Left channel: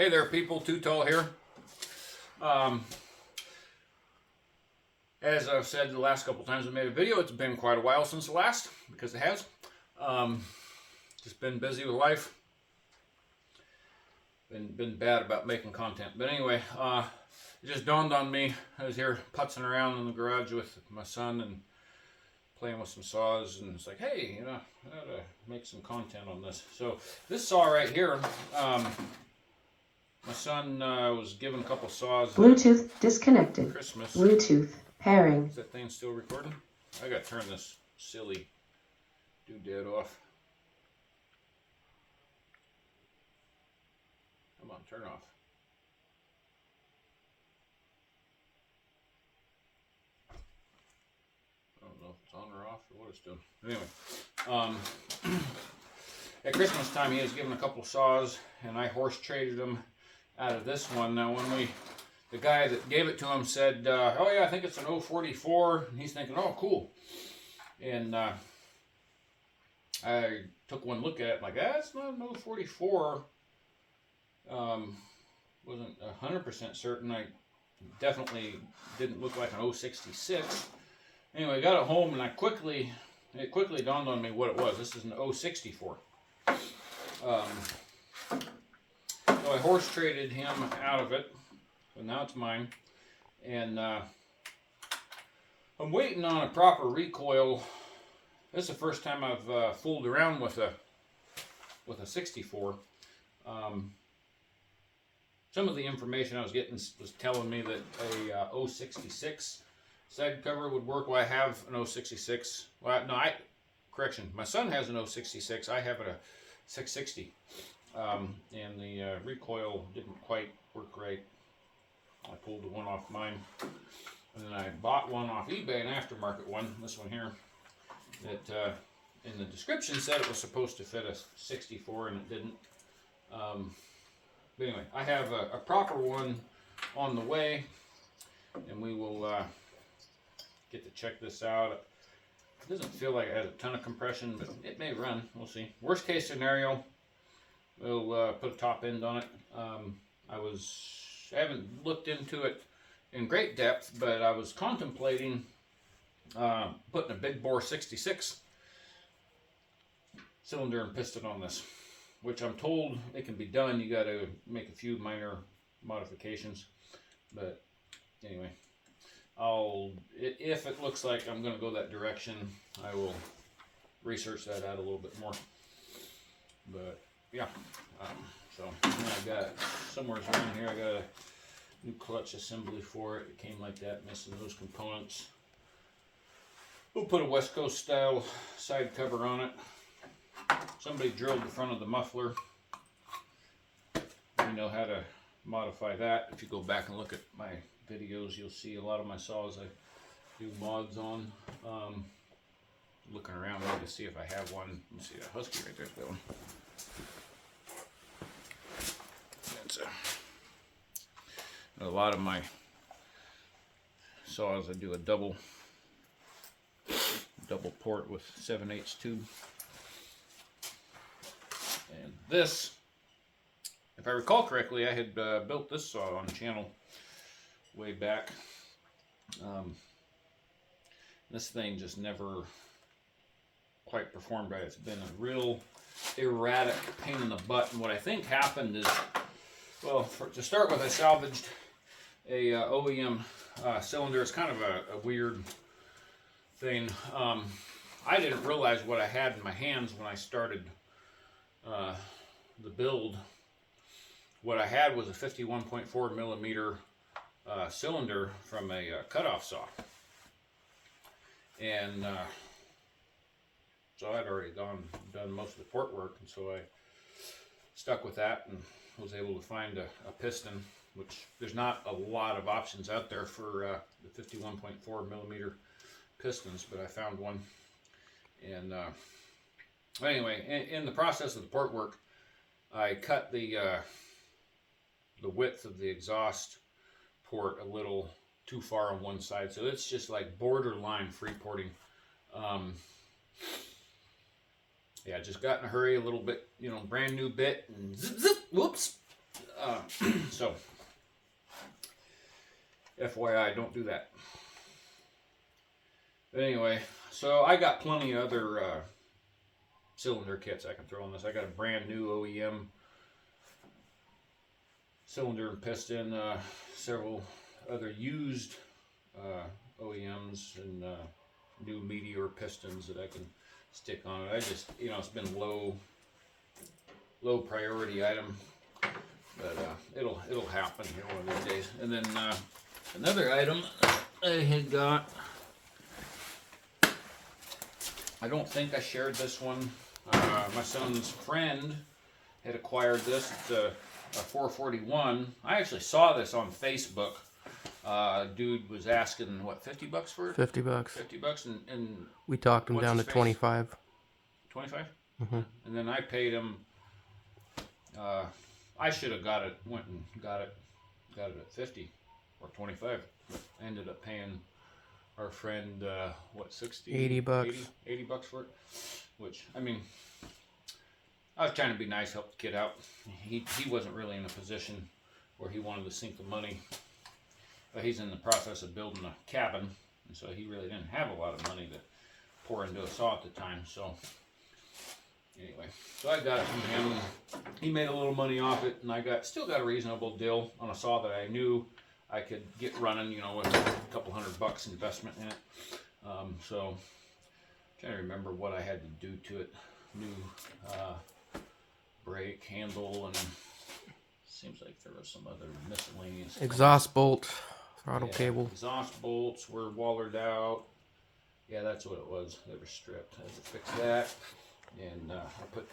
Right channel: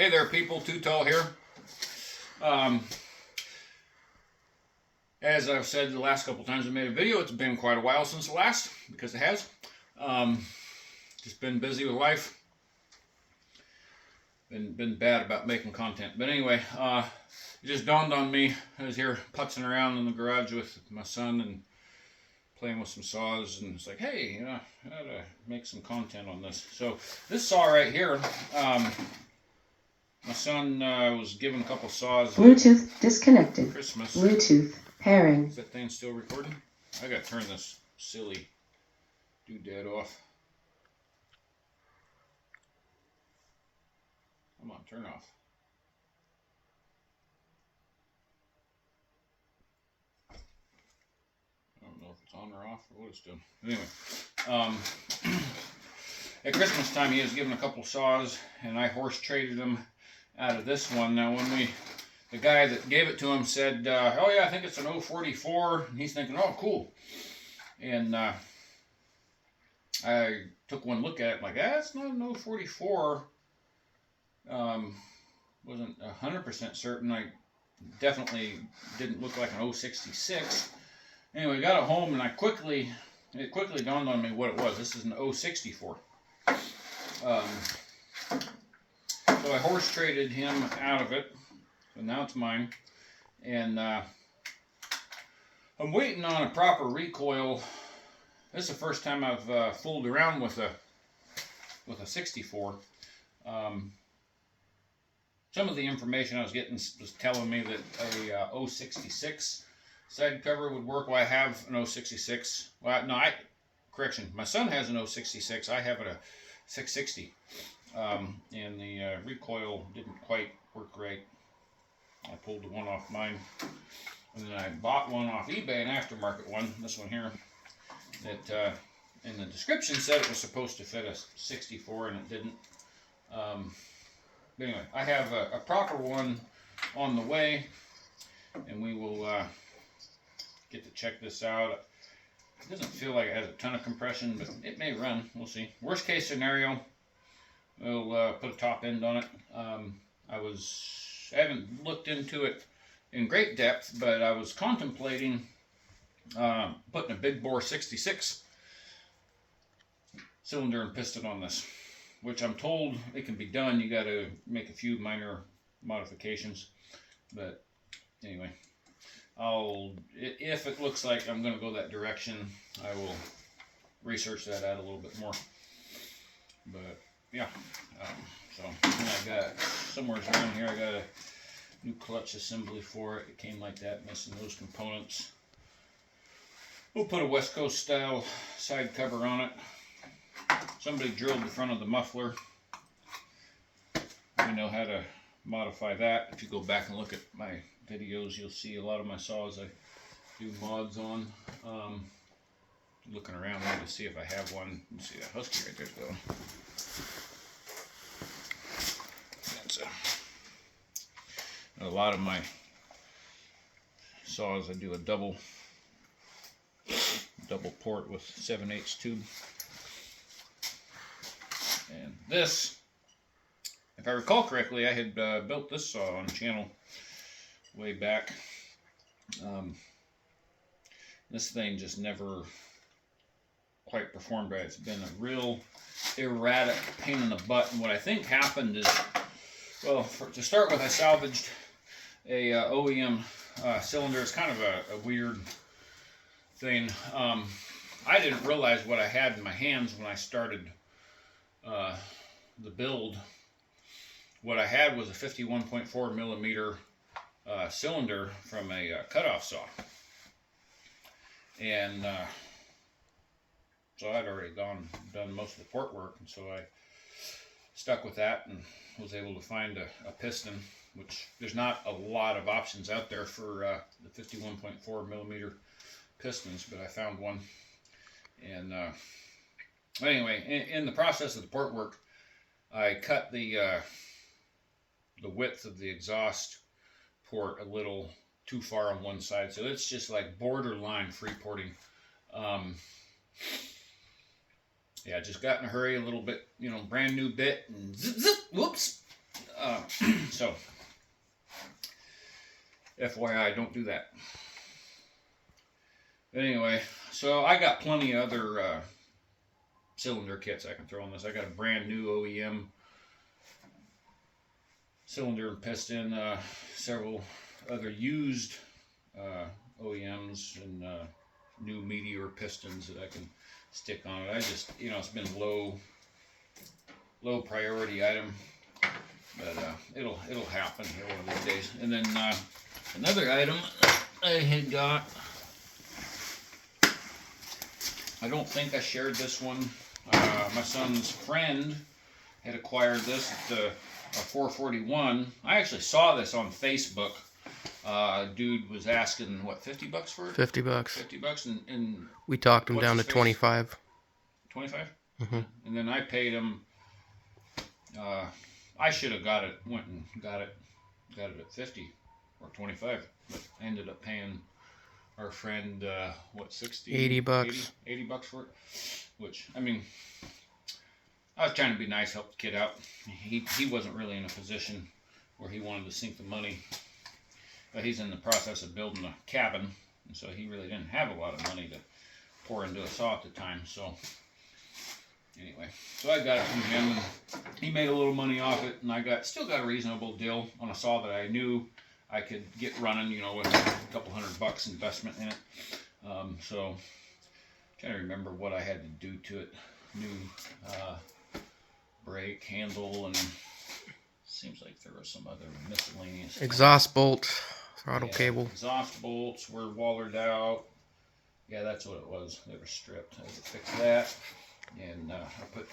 Hey there, people. Too Tall here. As I've said the last couple times I made a video, it's been quite a while since the last, because it has. Just been busy with life. Been bad about making content. But anyway, it just dawned on me. I was here putzing around in the garage with my son and playing with some saws, and it's like, hey, you know, I gotta make some content on this. So this saw right here, my son was given a couple saws. Bluetooth disconnected. Christmas. Bluetooth pairing. Is that thing still recording? I gotta turn this silly doodad off. Come on, turn off. I don't know if it's on or off or what it's doing. Anyway, at Christmas time he was given a couple saws, and I horse traded them out of this one. Now when the guy that gave it to him said, oh yeah, I think it's an 044, and he's thinking, oh cool. And I took one look at it, like, that's not an 044. Wasn't 100% certain. I definitely didn't look like an 066. Anyway, I got it home, and it quickly dawned on me what it was. This is an 064. So I horse traded him out of it, so now it's mine. And I'm waiting on a proper recoil. This is the first time I've fooled around with a 64. Some of the information I was getting was telling me that a 066 side cover would work. Well, I have an 066. Well, no, correction. My son has an 066. I have a 660. And the recoil didn't quite work right. I pulled the one off mine. And then I bought one off eBay, an aftermarket one, this one here, that in the description said it was supposed to fit a 64, and it didn't. But anyway, I have a proper one on the way, and we will get to check this out. It doesn't feel like it has a ton of compression, but it may run. We'll see. Worst case scenario, we'll put a top end on it. I haven't looked into it in great depth, but I was contemplating putting a big bore 66 cylinder and piston on this, which I'm told it can be done. You got to make a few minor modifications, but anyway, if it looks like I'm going to go that direction, I will research that out a little bit more. But yeah, so I got somewhere around here. I got a new clutch assembly for it. It came like that, missing those components. We'll put a West Coast style side cover on it. Somebody drilled the front of the muffler. We know how to modify that. If you go back and look at my videos, you'll see a lot of my saws I do mods on. Looking around there to see if I have one. You see that Husky right there going. That's a lot of my saws I do a double port with 7/8 tube. And this, if I recall correctly, I had built this saw on the channel way back. This thing just never quite performed right. It's been a real erratic pain in the butt. And what I think happened is, well, to start with, I salvaged a OEM cylinder. It's kind of a weird thing. I didn't realize what I had in my hands when I started the build. What I had was a 51.4 millimeter cylinder from a cutoff saw, and so I'd already done most of the port work, and so I stuck with that and was able to find a piston, which there's not a lot of options out there for the 51.4 millimeter pistons, but I found one. And anyway, in the process of the port work, I cut the width of the exhaust port a little too far on one side, so it's just like borderline free porting. Yeah, just got in a hurry a little bit, brand new bit, and zip, zip, whoops. So, FYI, don't do that. But anyway, so I got plenty of other cylinder kits I can throw on this. I got a brand new OEM cylinder and piston, several other used OEMs and new Meteor pistons that I can stick on it. I just, it's been low priority item, but it'll happen here one of these days. And then another item I had got, I don't think I shared this one. My son's friend had acquired this, a 441. I actually saw this on Facebook. Dude was asking, what, $50 for it? $50. $50, and We talked him down to 25. 25? Mm-hmm. And then I paid him, I should have went and got it at 50 or 25. But I ended up paying our friend, what, 60? 80 bucks. 80 bucks for it. Which, I mean, I was trying to be nice, help the kid out. He wasn't really in a position where he wanted to sink the money. But he's in the process of building a cabin, and so he really didn't have a lot of money to pour into a saw at the time. So anyway, so I got it from him. He made a little money off it, and I still got a reasonable deal on a saw that I knew I could get running, with a couple $100 investment in it. So I'm trying to remember what I had to do to it. New brake handle, and seems like there was some other miscellaneous Exhaust bolt, throttle cable. Exhaust bolts were wallered out. Yeah, that's what it was. They were stripped. I had to fix that. And I put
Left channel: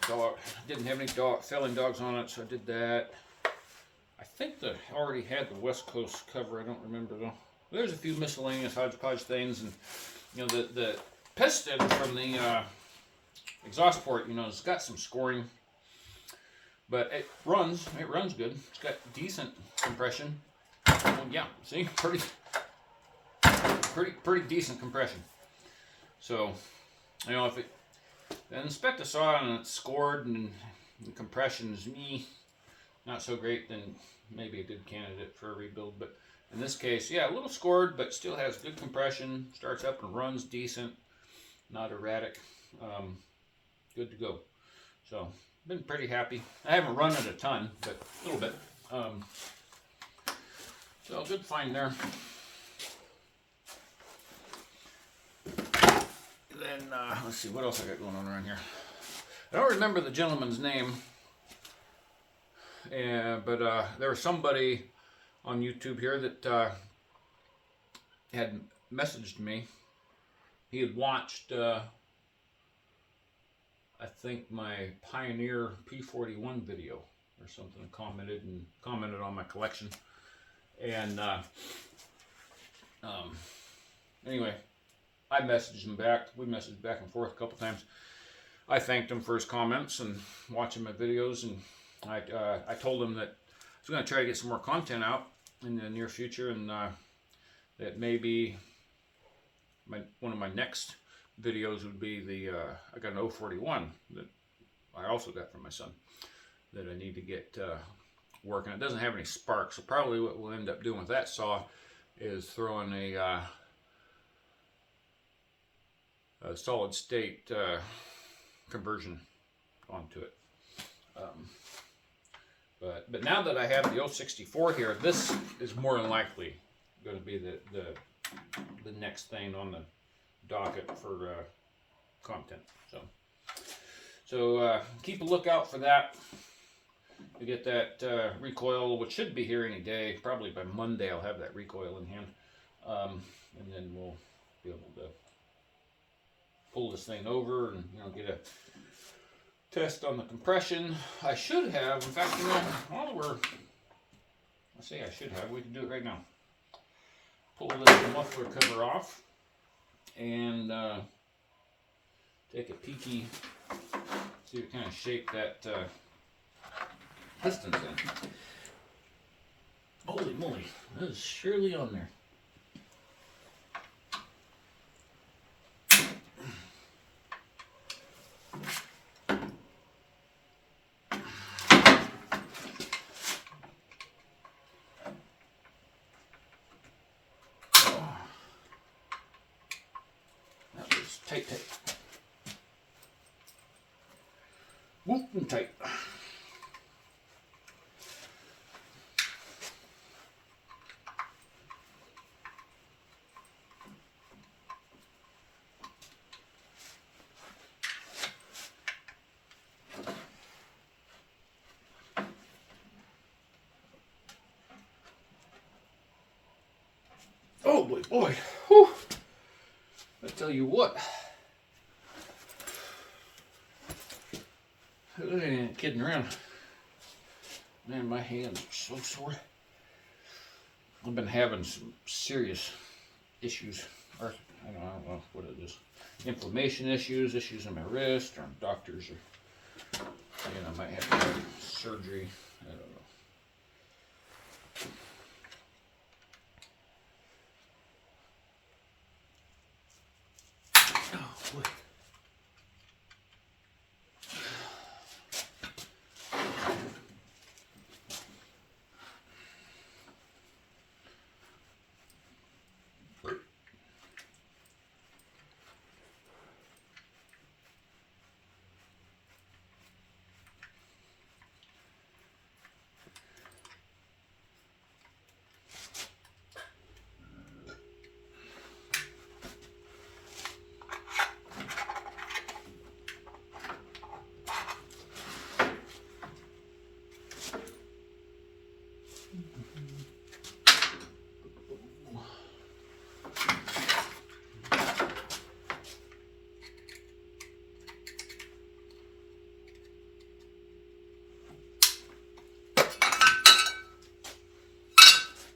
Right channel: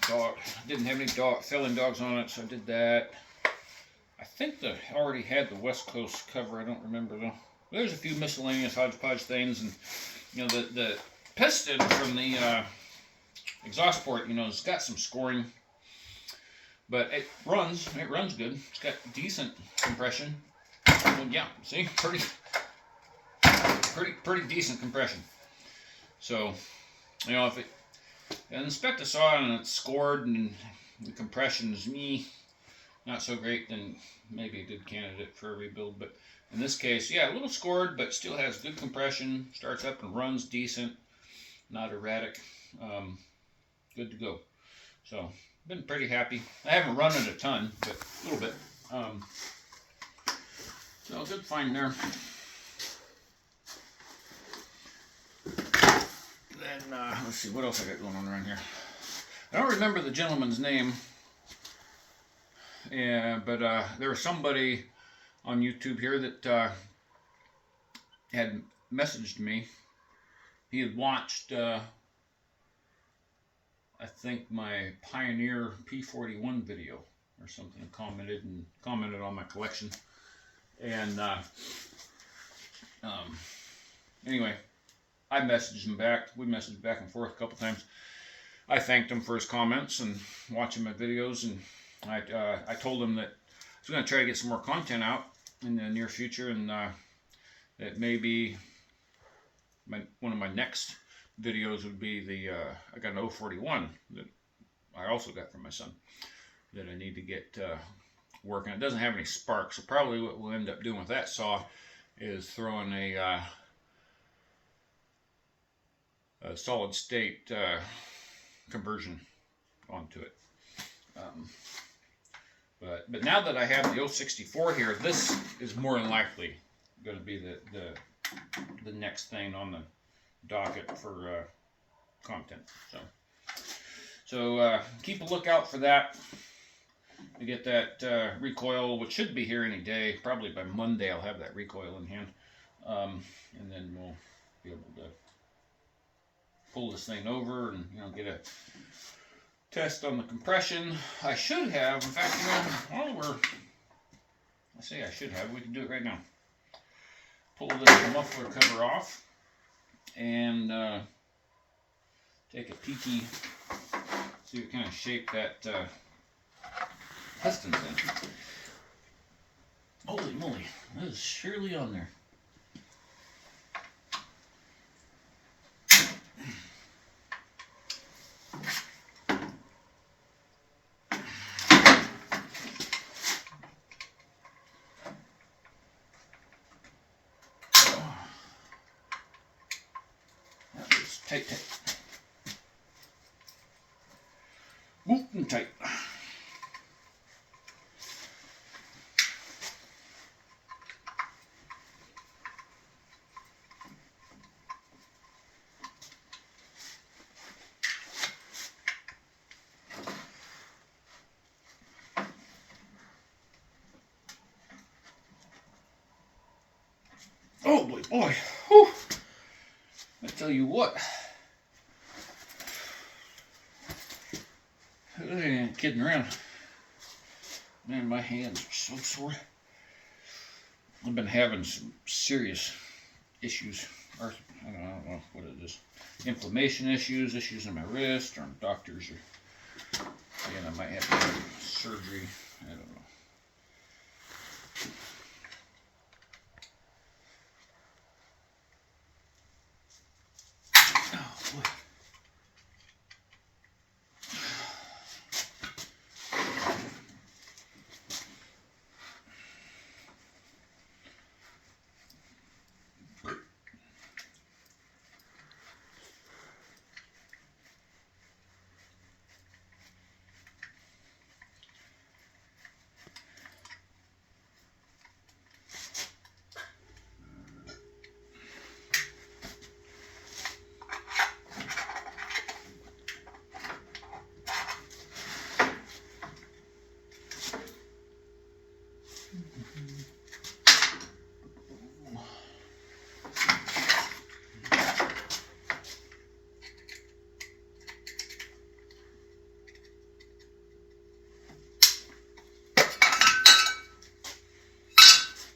didn't have any filling dogs on it, so I did that. I think they already had the West Coast cover. I don't remember though. There's a few miscellaneous hodgepodge things, and the piston from the exhaust port, it's got some scoring, but it runs good. It's got decent compression. Well, yeah, see, pretty decent compression. So, if it inspect the saw and it's scored and the compression is not so great, then maybe a good candidate for a rebuild. But in this case, yeah, a little scored, but still has good compression. Starts up and runs decent, not erratic. Good to go. So, been pretty happy. I haven't run it a ton, but a little bit. So, good find there. Then, let's see, what else I got going on around here. I don't remember the gentleman's name. Yeah, but there was somebody on YouTube here that had messaged me. He had watched, I think, my Pioneer P41 video or something, commented on my collection. And anyway, I messaged him back. We messaged back and forth a couple times. I thanked him for his comments and watching my videos, and I told him that I was going to try to get some more content out in the near future, and that maybe one of my next videos would be I got an 041 that I also got from my son that I need to get working. It doesn't have any sparks, so probably what we'll end up doing with that saw is throwing a solid state conversion onto it. But now that I have the 064 here, this is more than likely going to be the next thing on the docket for content. So keep a lookout for that. To get that recoil, which should be here any day. Probably by Monday I'll have that recoil in hand, and then we'll be able to pull this thing over and get a test on the compression. I should have, in fact, we can do it right now. Pull this muffler cover off and take a peeky, see what kind of shape that piston's in. Holy moly, that is surely on there. Tight, tight. Whoop and tight. Oh boy, boy. Whew. I tell you what. I ain't kidding around. Man, my hands are so sore. I've been having some serious issues. Or, I don't know, what is this? Inflammation issues in my wrist, or doctors are saying I might have to have surgery. I don't know.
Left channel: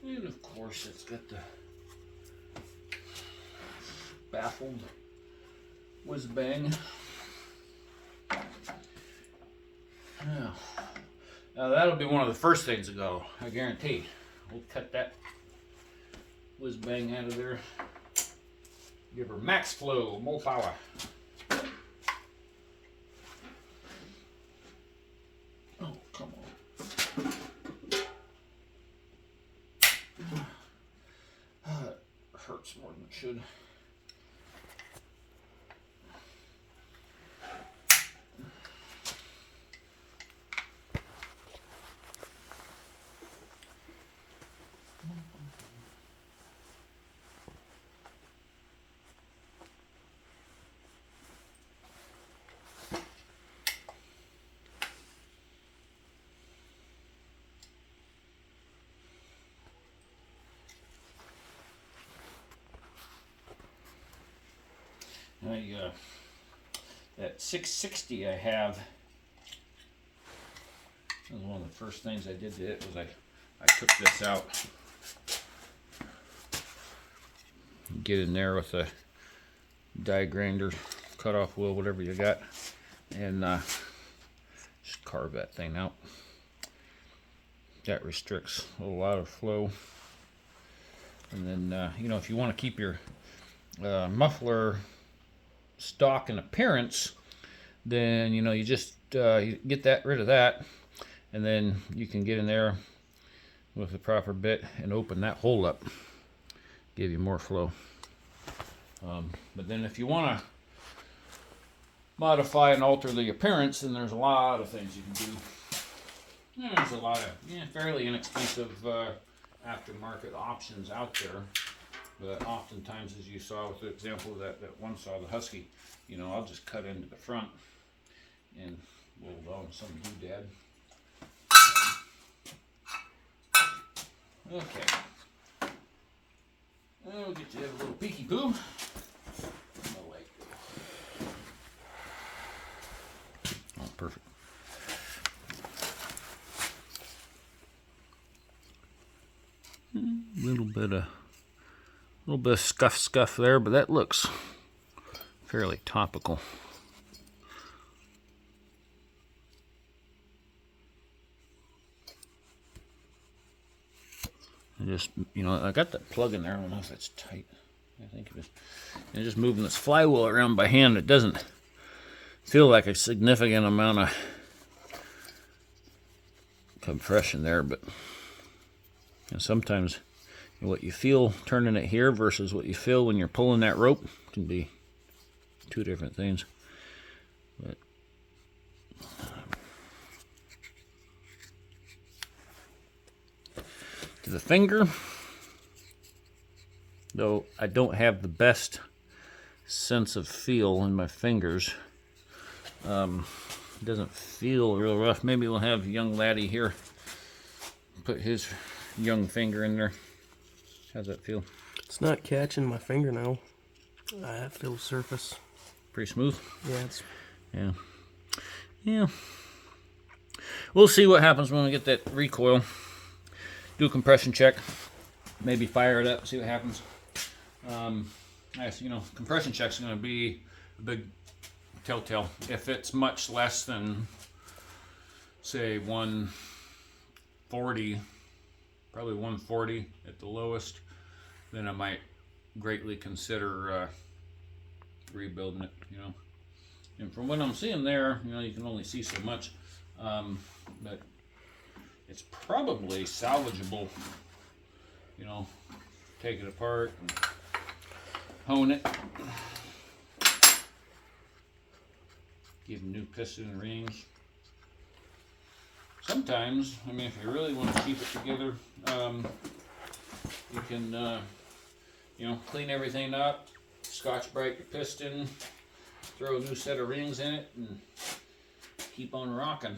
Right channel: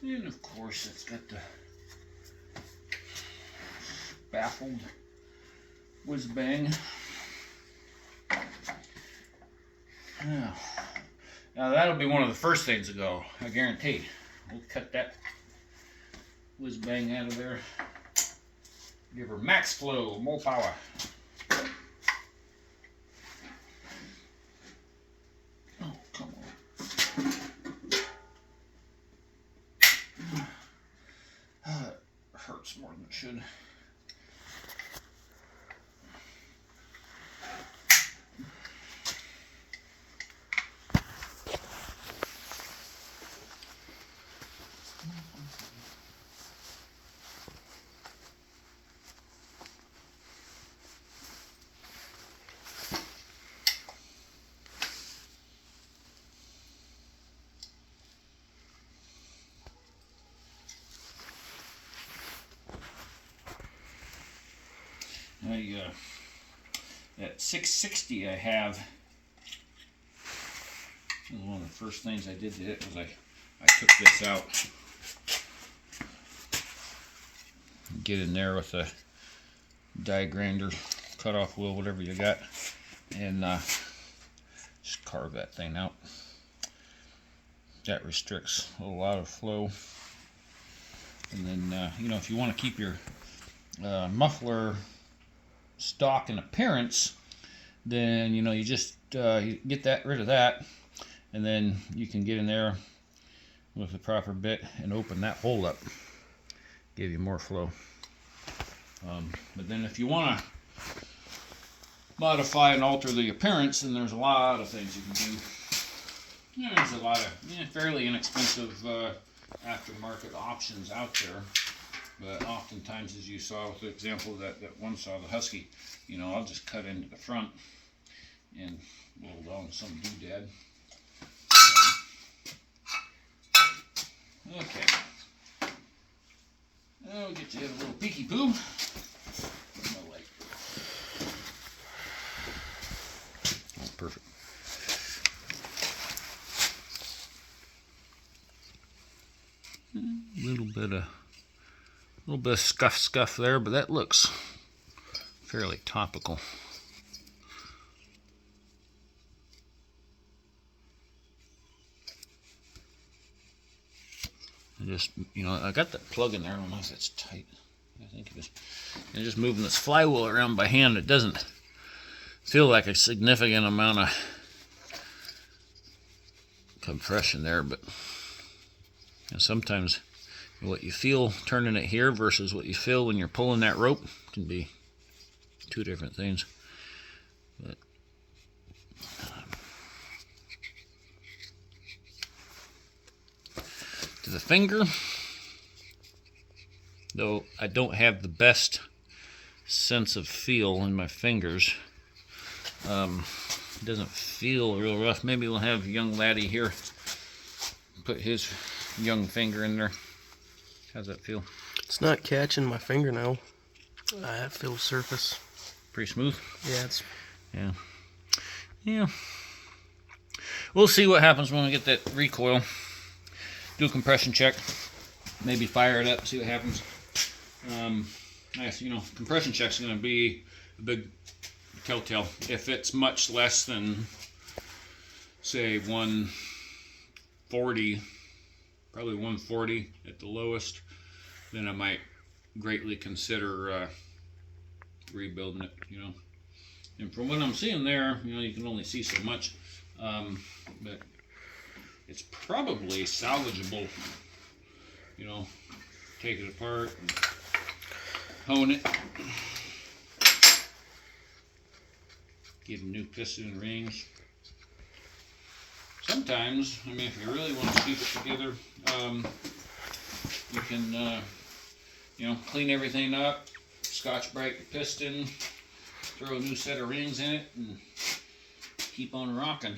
And of course it's got the baffled whiz bang. Now that'll be one of the first things to go, I guarantee. We'll cut that whiz bang out of there. Give her max flow, more power. Oh, come on. It hurts more than it should. That 660 I have, was one of the first things I did to it was I took this out. Get in there with a die grinder, cut off wheel, whatever you got, and just carve that thing out. That restricts a lot of flow. And then, you know, if you want to keep your muffler stock and appearance, then, you know, you just you get rid of that, and then you can get in there with the proper bit and open that hole up, give you more flow. But then if you want to modify and alter the appearance, then there's a lot of things you can do. There's a lot of fairly inexpensive aftermarket options out there. But oftentimes, as you saw with the example that one saw, the Husky, you know, I'll just cut into the front and roll on some doodad. Okay. We'll get you a little peeky poo. Oh, perfect. A little bit of scuff there, but that looks fairly topical. I just, you know, I got that plug in there. I don't know if it's tight. I think it is. And just moving this flywheel around by hand, it doesn't feel like a significant amount of compression there, but sometimes what you feel turning it here versus what you feel when you're pulling that rope can be two different things. But to the finger, though I don't have the best sense of feel in my fingers. It doesn't feel real rough. Maybe we'll have young laddie here put his young finger in there. How's that feel? It's not catching my fingernail. I feel surface. Pretty smooth? Yeah, it's... Yeah. We'll see what happens when we get that recoil. Do a compression check. Maybe fire it up, see what happens. Compression check's going to be a big telltale. If it's much less than, say, 140, probably 140 at the lowest, then I might greatly consider rebuilding it, And from what I'm seeing there, you can only see so much, but it's probably salvageable, take it apart and hone it. Give them new piston rings. Sometimes, if you really want to keep it together, you can, clean everything up, Scotch-Brite the piston, throw a new set of rings in it, and keep on rocking.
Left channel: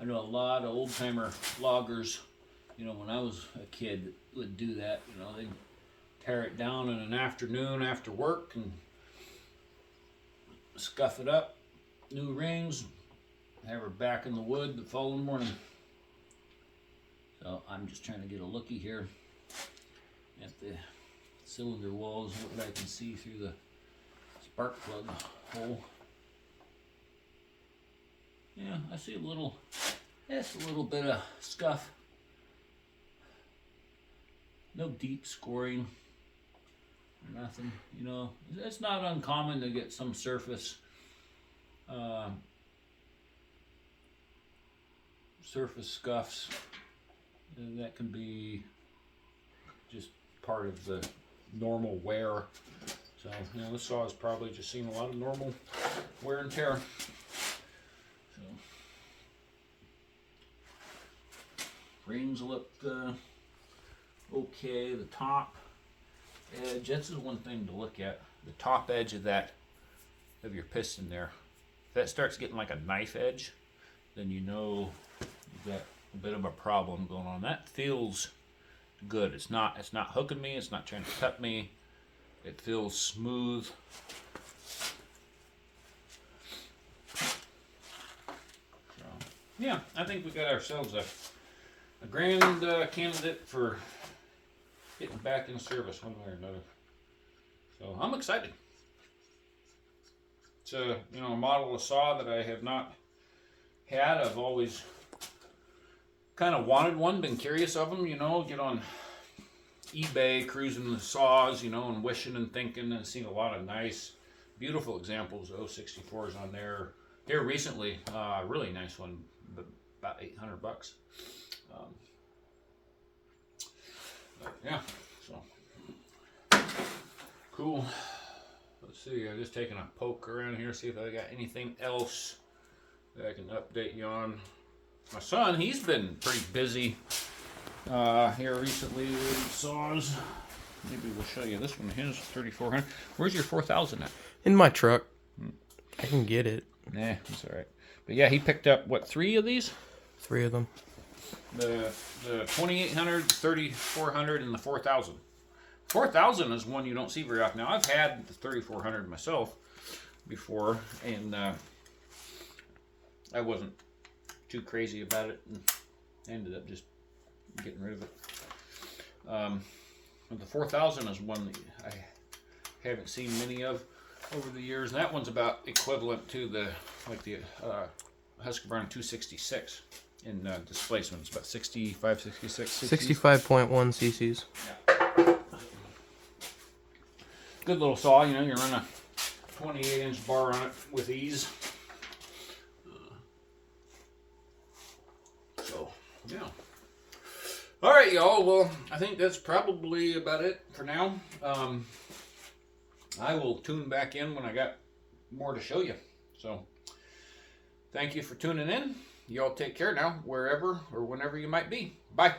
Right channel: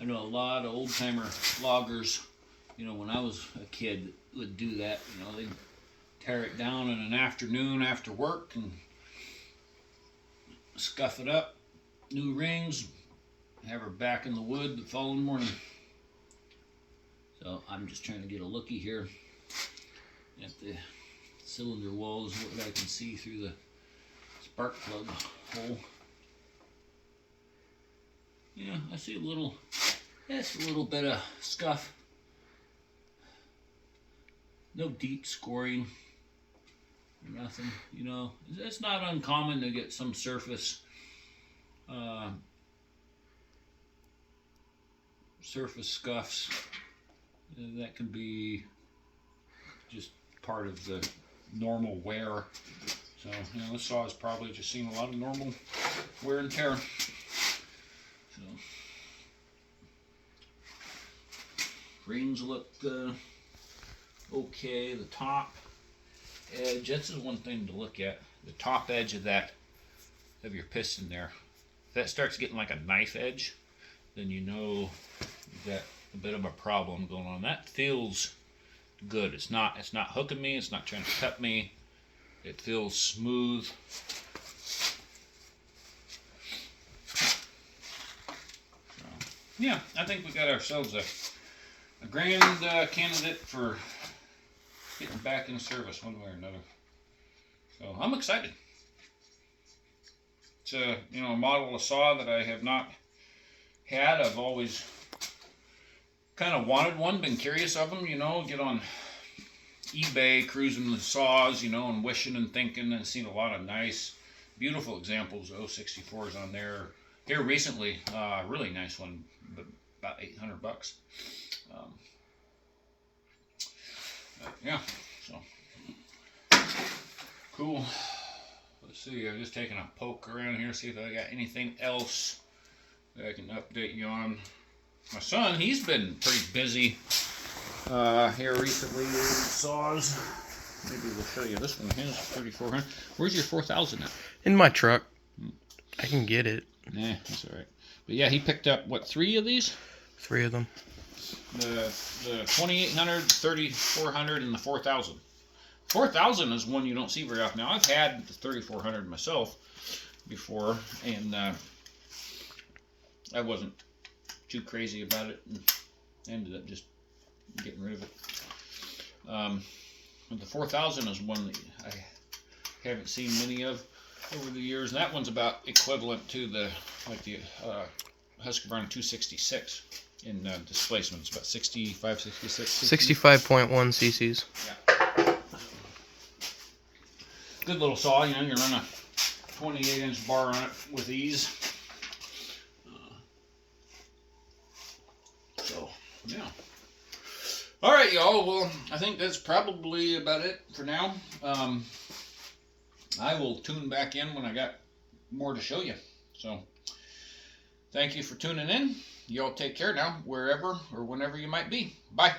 I know a lot of old-timer loggers, when I was a kid, would do that. They'd tear it down in an afternoon after work and scuff it up, new rings, have her back in the wood the following morning. So I'm just trying to get a looky here at the cylinder walls, what I can see through the spark plug hole. Yeah, I see a little bit of scuff. No deep scoring, nothing, It's not uncommon to get some surface scuffs. That can be just part of the normal wear. So, this saw has probably just seen a lot of normal wear and tear. So, rings look okay. The top edge, this is one thing to look at. The top edge of your piston there. If that starts getting like a knife edge, then you know you've got a bit of a problem going on. That feels good. It's not hooking me, it's not trying to cut me. It feels smooth. So, yeah, I think we got ourselves a grand candidate for getting back into service one way or another. So I'm excited. It's a model of saw that I have not had. I've always kind of wanted one, been curious of them, get on eBay cruising the saws, and wishing and thinking, and seen a lot of nice, beautiful examples of 064s on there. Here recently, a really nice one, but about $800. But yeah, so cool. Let's see, I'm just taking a poke around here, see if I got anything else that I can update you on. My son, he's been pretty busy here recently with saws. Maybe we'll show you this one. His 3400. Where's your 4000 at? In my truck. I can get it. Nah, that's all right. But yeah, he picked up, what, 3 of these? 3 of them. The 2800, the 3400, and the 4000. 4000 is one you don't see very often. Now, I've had the 3400 myself before, and I wasn't too crazy about it, and ended up just getting rid of it. But the 4000 is one that I haven't seen many of over the years, and that one's about equivalent to the Husqvarna 266 in displacement. It's about 65, 66. 65.1 cc's. Yeah. Good little saw, you run a 28-inch bar on it with ease. So, yeah. All right, y'all. Well, I think that's probably about it for now. I will tune back in when I got more to show you. So thank you for tuning in. Y'all take care now, wherever or whenever you might be. Bye.